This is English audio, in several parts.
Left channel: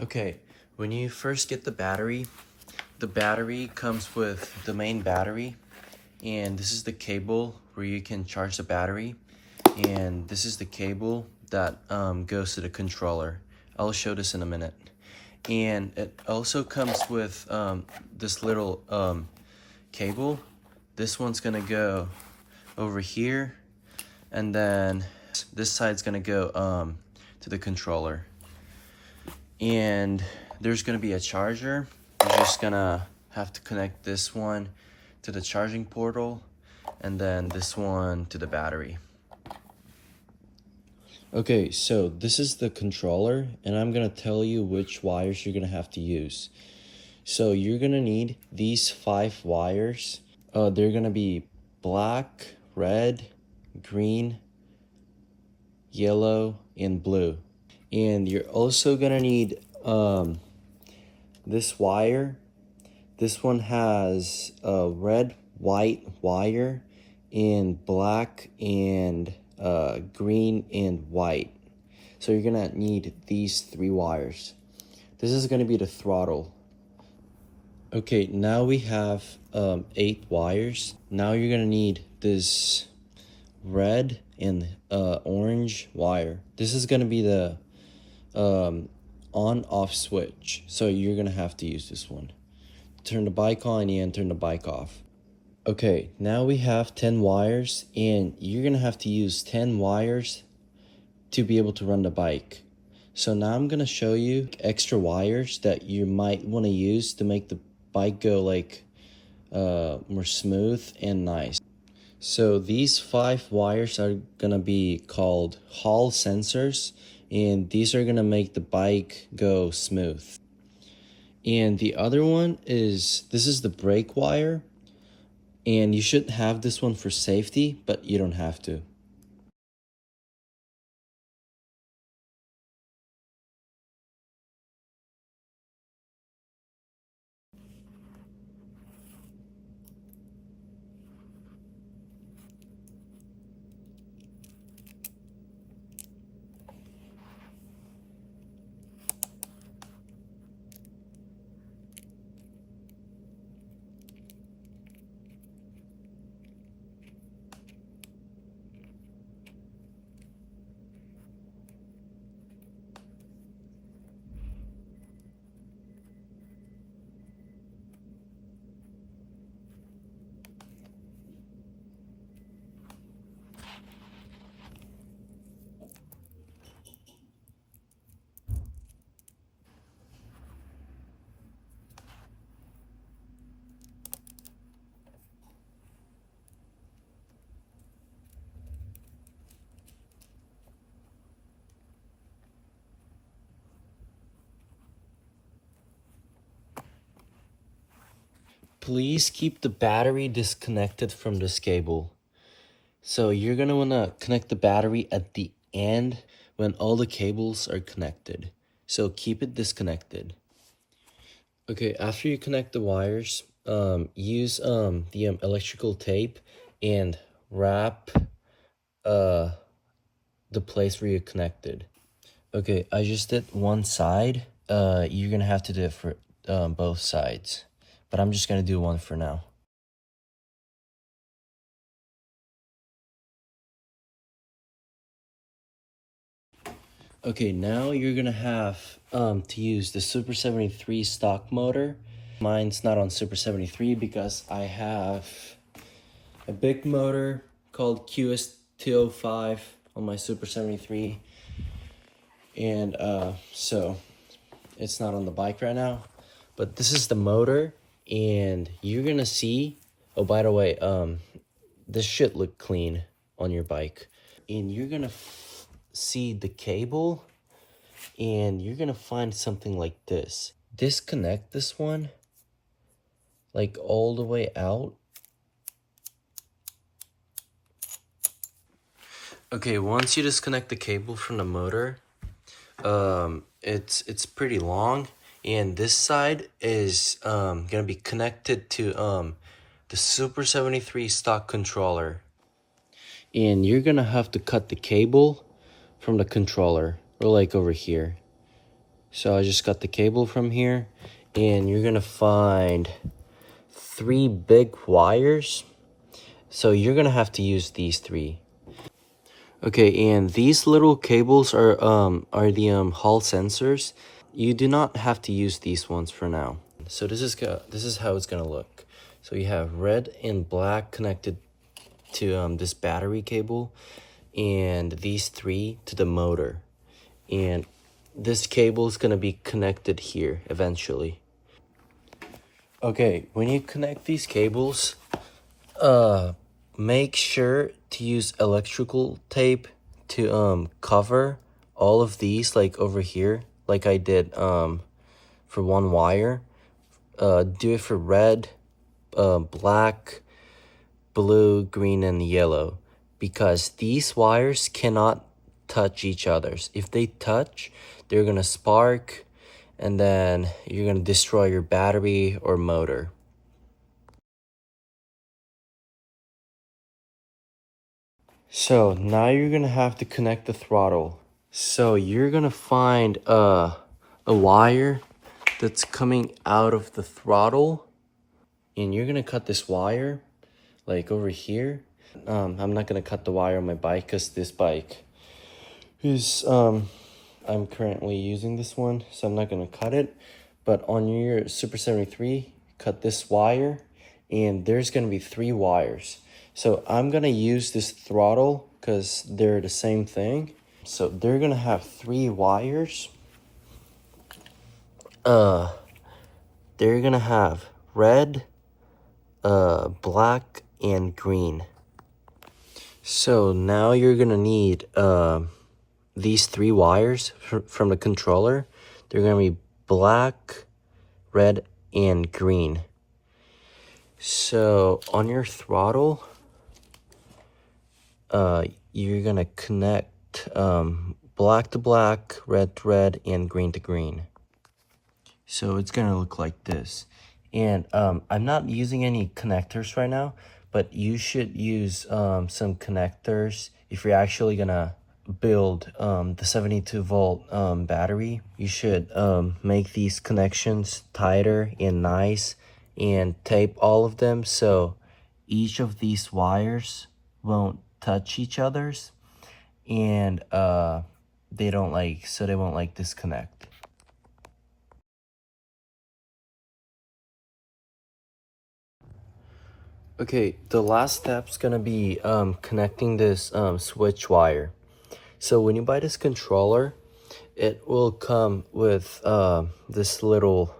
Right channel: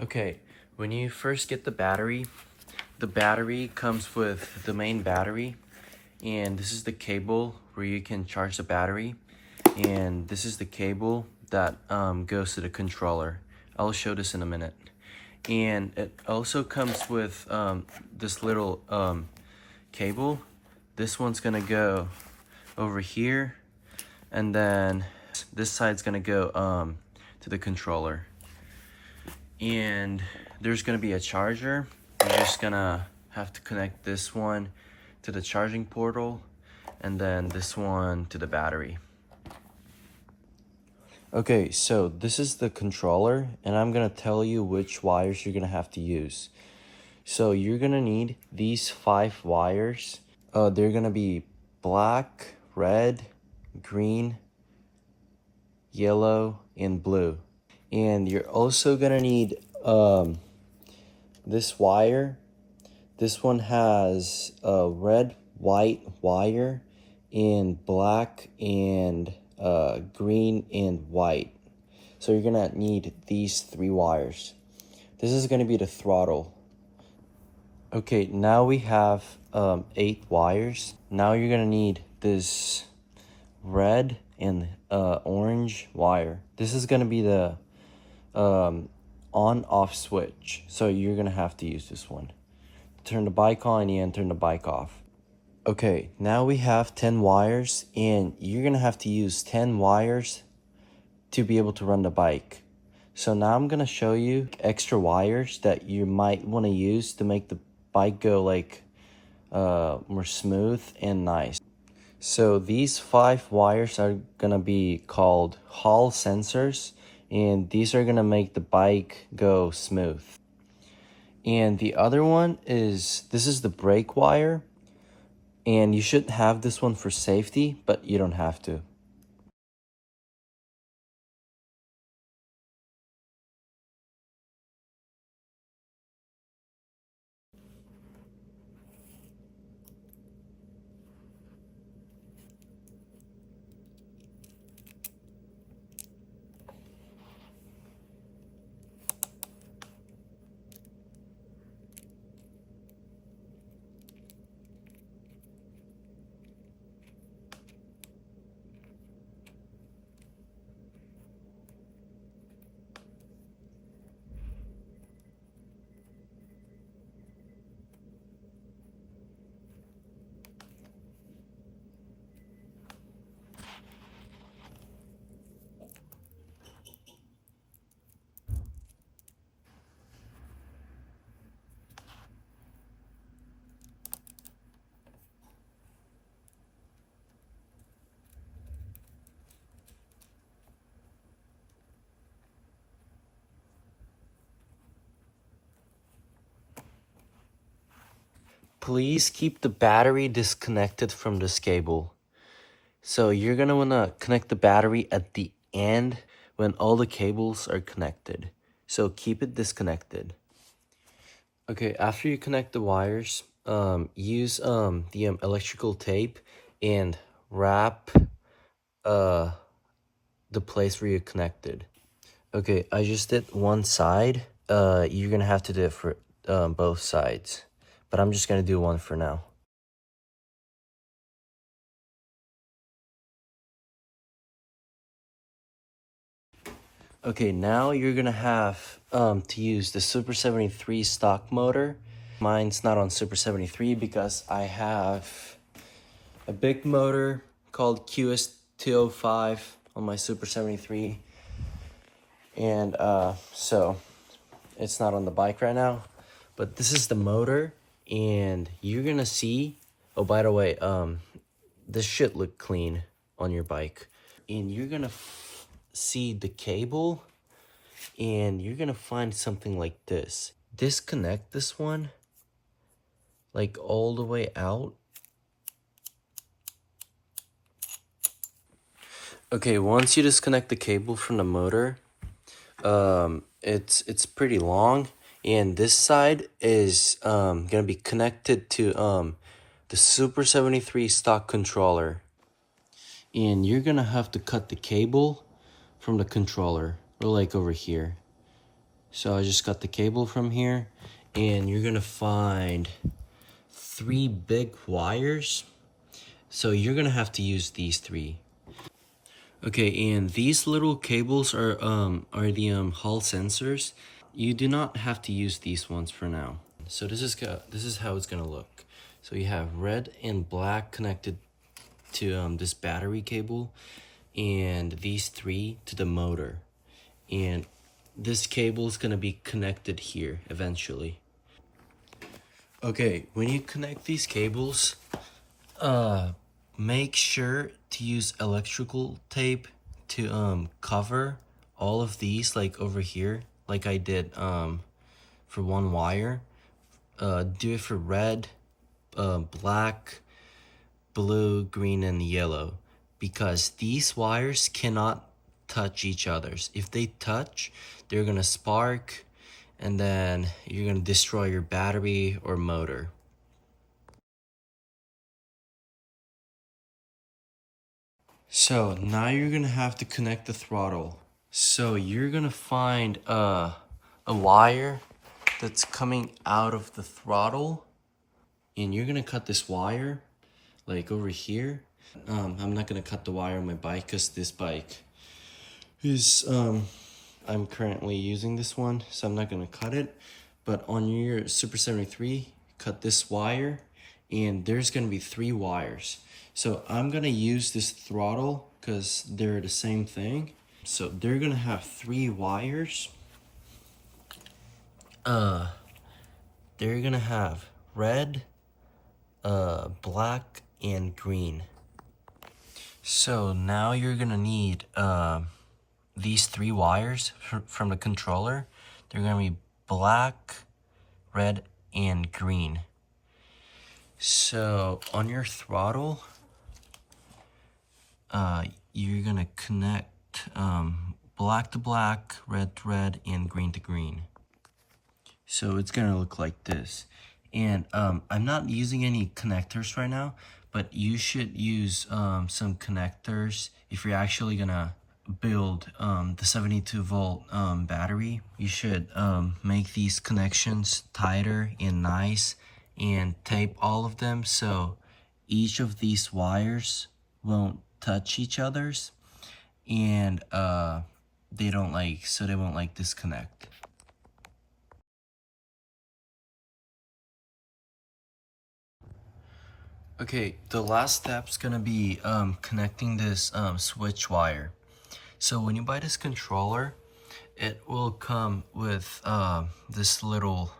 Okay, when you first get the battery comes with the main battery, and this is the cable where you can charge the battery, and this is the cable that goes to the controller. I'll show this in a minute. And it also comes with this little cable. This one's gonna go over here, and then this side's gonna go to the controller. And there's gonna be a charger. You're just gonna have to connect this one to the charging portal, and then this one to the battery. Okay, so this is the controller, and I'm gonna tell you which wires you're gonna have to use. So you're gonna need these 5 wires. They're gonna be black, red, green, yellow, and blue. And you're also gonna need this wire. This one has a red, white wire, and black and green and white. So you're gonna need these 3 wires. This is gonna be the throttle. Okay, now we have 8 wires. Now you're gonna need this red and orange wire. This is gonna be the on-off switch. So you're gonna have to use this one. Turn the bike on and turn the bike off. Okay, now we have 10 wires, and you're gonna have to use 10 wires to be able to run the bike. So now I'm gonna show you extra wires that you might wanna use to make the bike go like more smooth and nice. So these 5 wires are gonna be called Hall sensors, and these are gonna make the bike go smooth. And the other one is, this is the brake wire. And you should have this one for safety, but you don't have to. Please keep the battery disconnected from this cable. So you're gonna wanna connect the battery at the end when all the cables are connected. So keep it disconnected. Okay, after you connect the wires, use the electrical tape and wrap the place where you connected. Okay, I just did one side. You're gonna have to do it for both sides, but I'm just gonna do one for now. Okay, now you're gonna have to use the Super 73 stock motor. Mine's not on Super 73 because I have a big motor called QS205 on my Super 73, and so it's not on the bike right now. But this is the motor, and you're gonna see, oh, by the way, this should look clean on your bike. And you're gonna see the cable, and you're gonna find something like this. Disconnect this one, like all the way out. Okay, once you disconnect the cable from the motor, it's pretty long, and this side is gonna be connected to the Super 73 stock controller. And you're gonna have to cut the cable from the controller, or like over here. So I just got the cable from here, and you're gonna find 3 big wires. So you're gonna have to use these 3. Okay, and these little cables are the Hall sensors. You do not have to use these ones for now. So this is how it's gonna look. So you have red and black connected to this battery cable, and these 3 to the motor. And this cable is gonna be connected here eventually. Okay, when you connect these cables, make sure to use electrical tape to cover all of these, like over here, like I did for one wire. Do it for red, black, blue, green, and yellow, because these wires cannot touch each other's. If they touch, they're gonna spark, and then you're gonna destroy your battery or motor. So now you're gonna have to connect the throttle. So you're gonna find a wire that's coming out of the throttle, and you're gonna cut this wire like over here. I'm not gonna cut the wire on my bike because this bike is I'm currently using this one, so I'm not gonna cut it. But on your Super 73, cut this wire, and there's gonna be 3 wires. So I'm gonna use this throttle because they're the same thing. So they're gonna have 3 wires. They're gonna have red, black, and green. So now you're gonna need these 3 wires from the controller. They're gonna be black, red, and green. So on your throttle, you're gonna connect black to black, red to red, and green to green. So it's gonna look like this. And I'm not using any connectors right now, but you should use some connectors if you're actually gonna build the 72-volt battery. You should make these connections tighter and nice, and tape all of them so each of these wires won't touch each other's, and they won't like disconnect. Okay, the last step's gonna be connecting this switch wire. So when you buy this controller, it will come with this little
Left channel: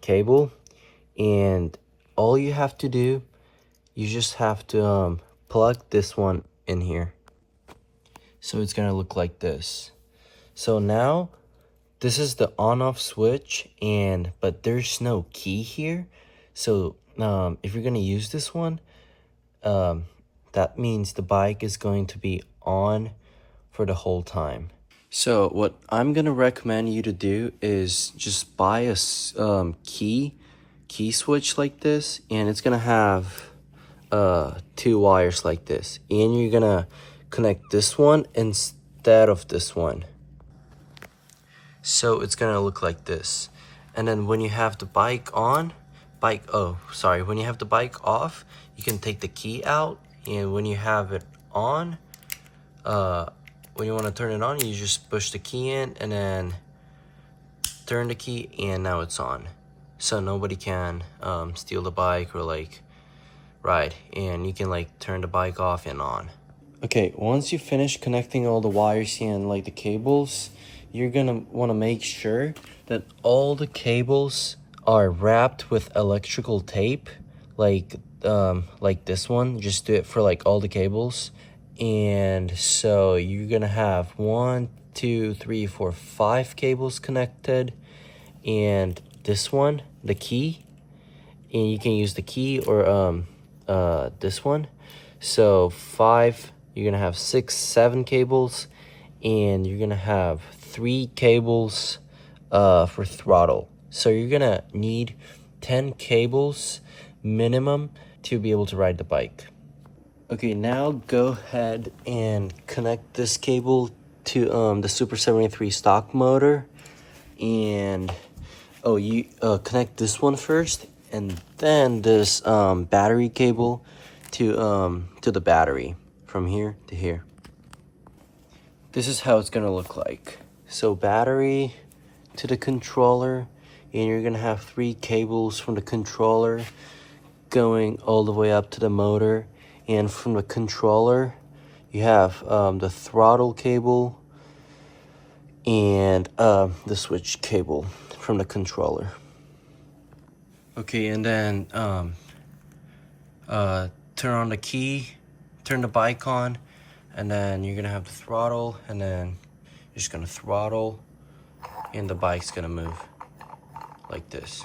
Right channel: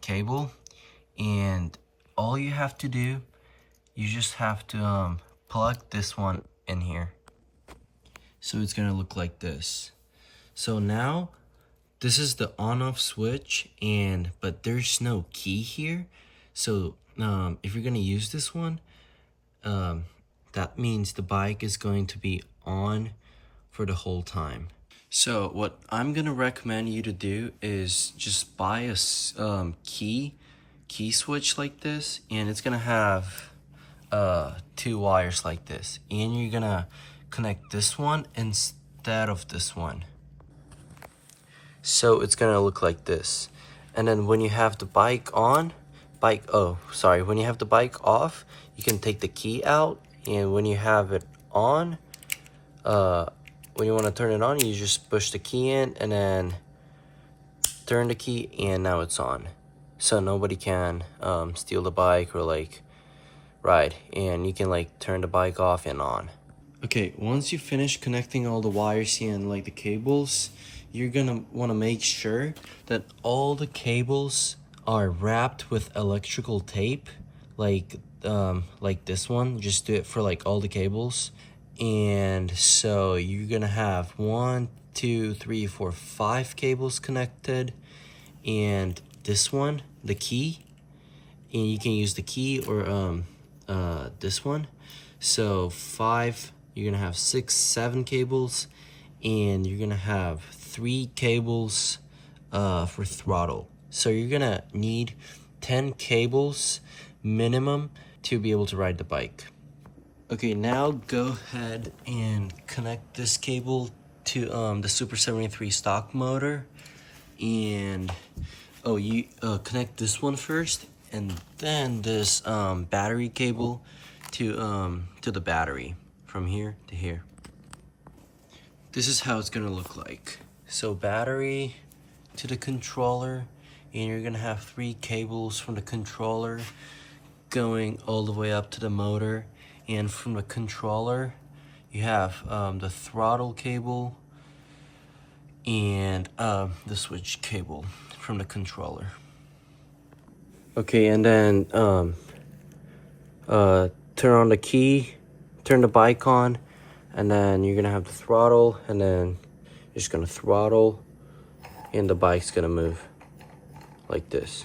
cable, and all you have to do, you just have to plug this one in here. So it's gonna look like this. So now this is the on-off switch, but there's no key here. So if you're gonna use this one, that means the bike is going to be on for the whole time. So what I'm gonna recommend you to do is just buy a key switch like this, and it's gonna have 2 wires like this, and you're gonna connect this one instead of this one. So it's gonna look like this. And then when you have the bike on, when you have the bike off, you can take the key out, and when you have it on, when you want to turn it on, you just push the key in and then turn the key, and now it's on. So nobody can steal the bike or like ride, and you can like turn the bike off and on. Okay, once you finish connecting all the wires and like the cables, you're gonna want to make sure that all the cables are wrapped with electrical tape, like this one. Just do it for like all the cables. And so you're gonna have 1, 2, 3, 4, 5 cables connected, and this one, the key, and you can use the key or this one. So 5, you're gonna have 6, 7 cables, and you're gonna have 3 cables for throttle. So you're gonna need 10 cables minimum to be able to ride the bike. Okay, now go ahead and connect this cable to the Super 73 stock motor, and you connect this one first, and then this battery cable to the battery from here to here. This is how it's gonna look like. So battery to the controller, and you're gonna have 3 cables from the controller going all the way up to the motor, and from the controller you have the throttle cable and the switch cable from the controller. Okay, and then turn on the key, turn the bike on, and then you're gonna have the throttle, and then you're just gonna throttle, and the bike's gonna move like this.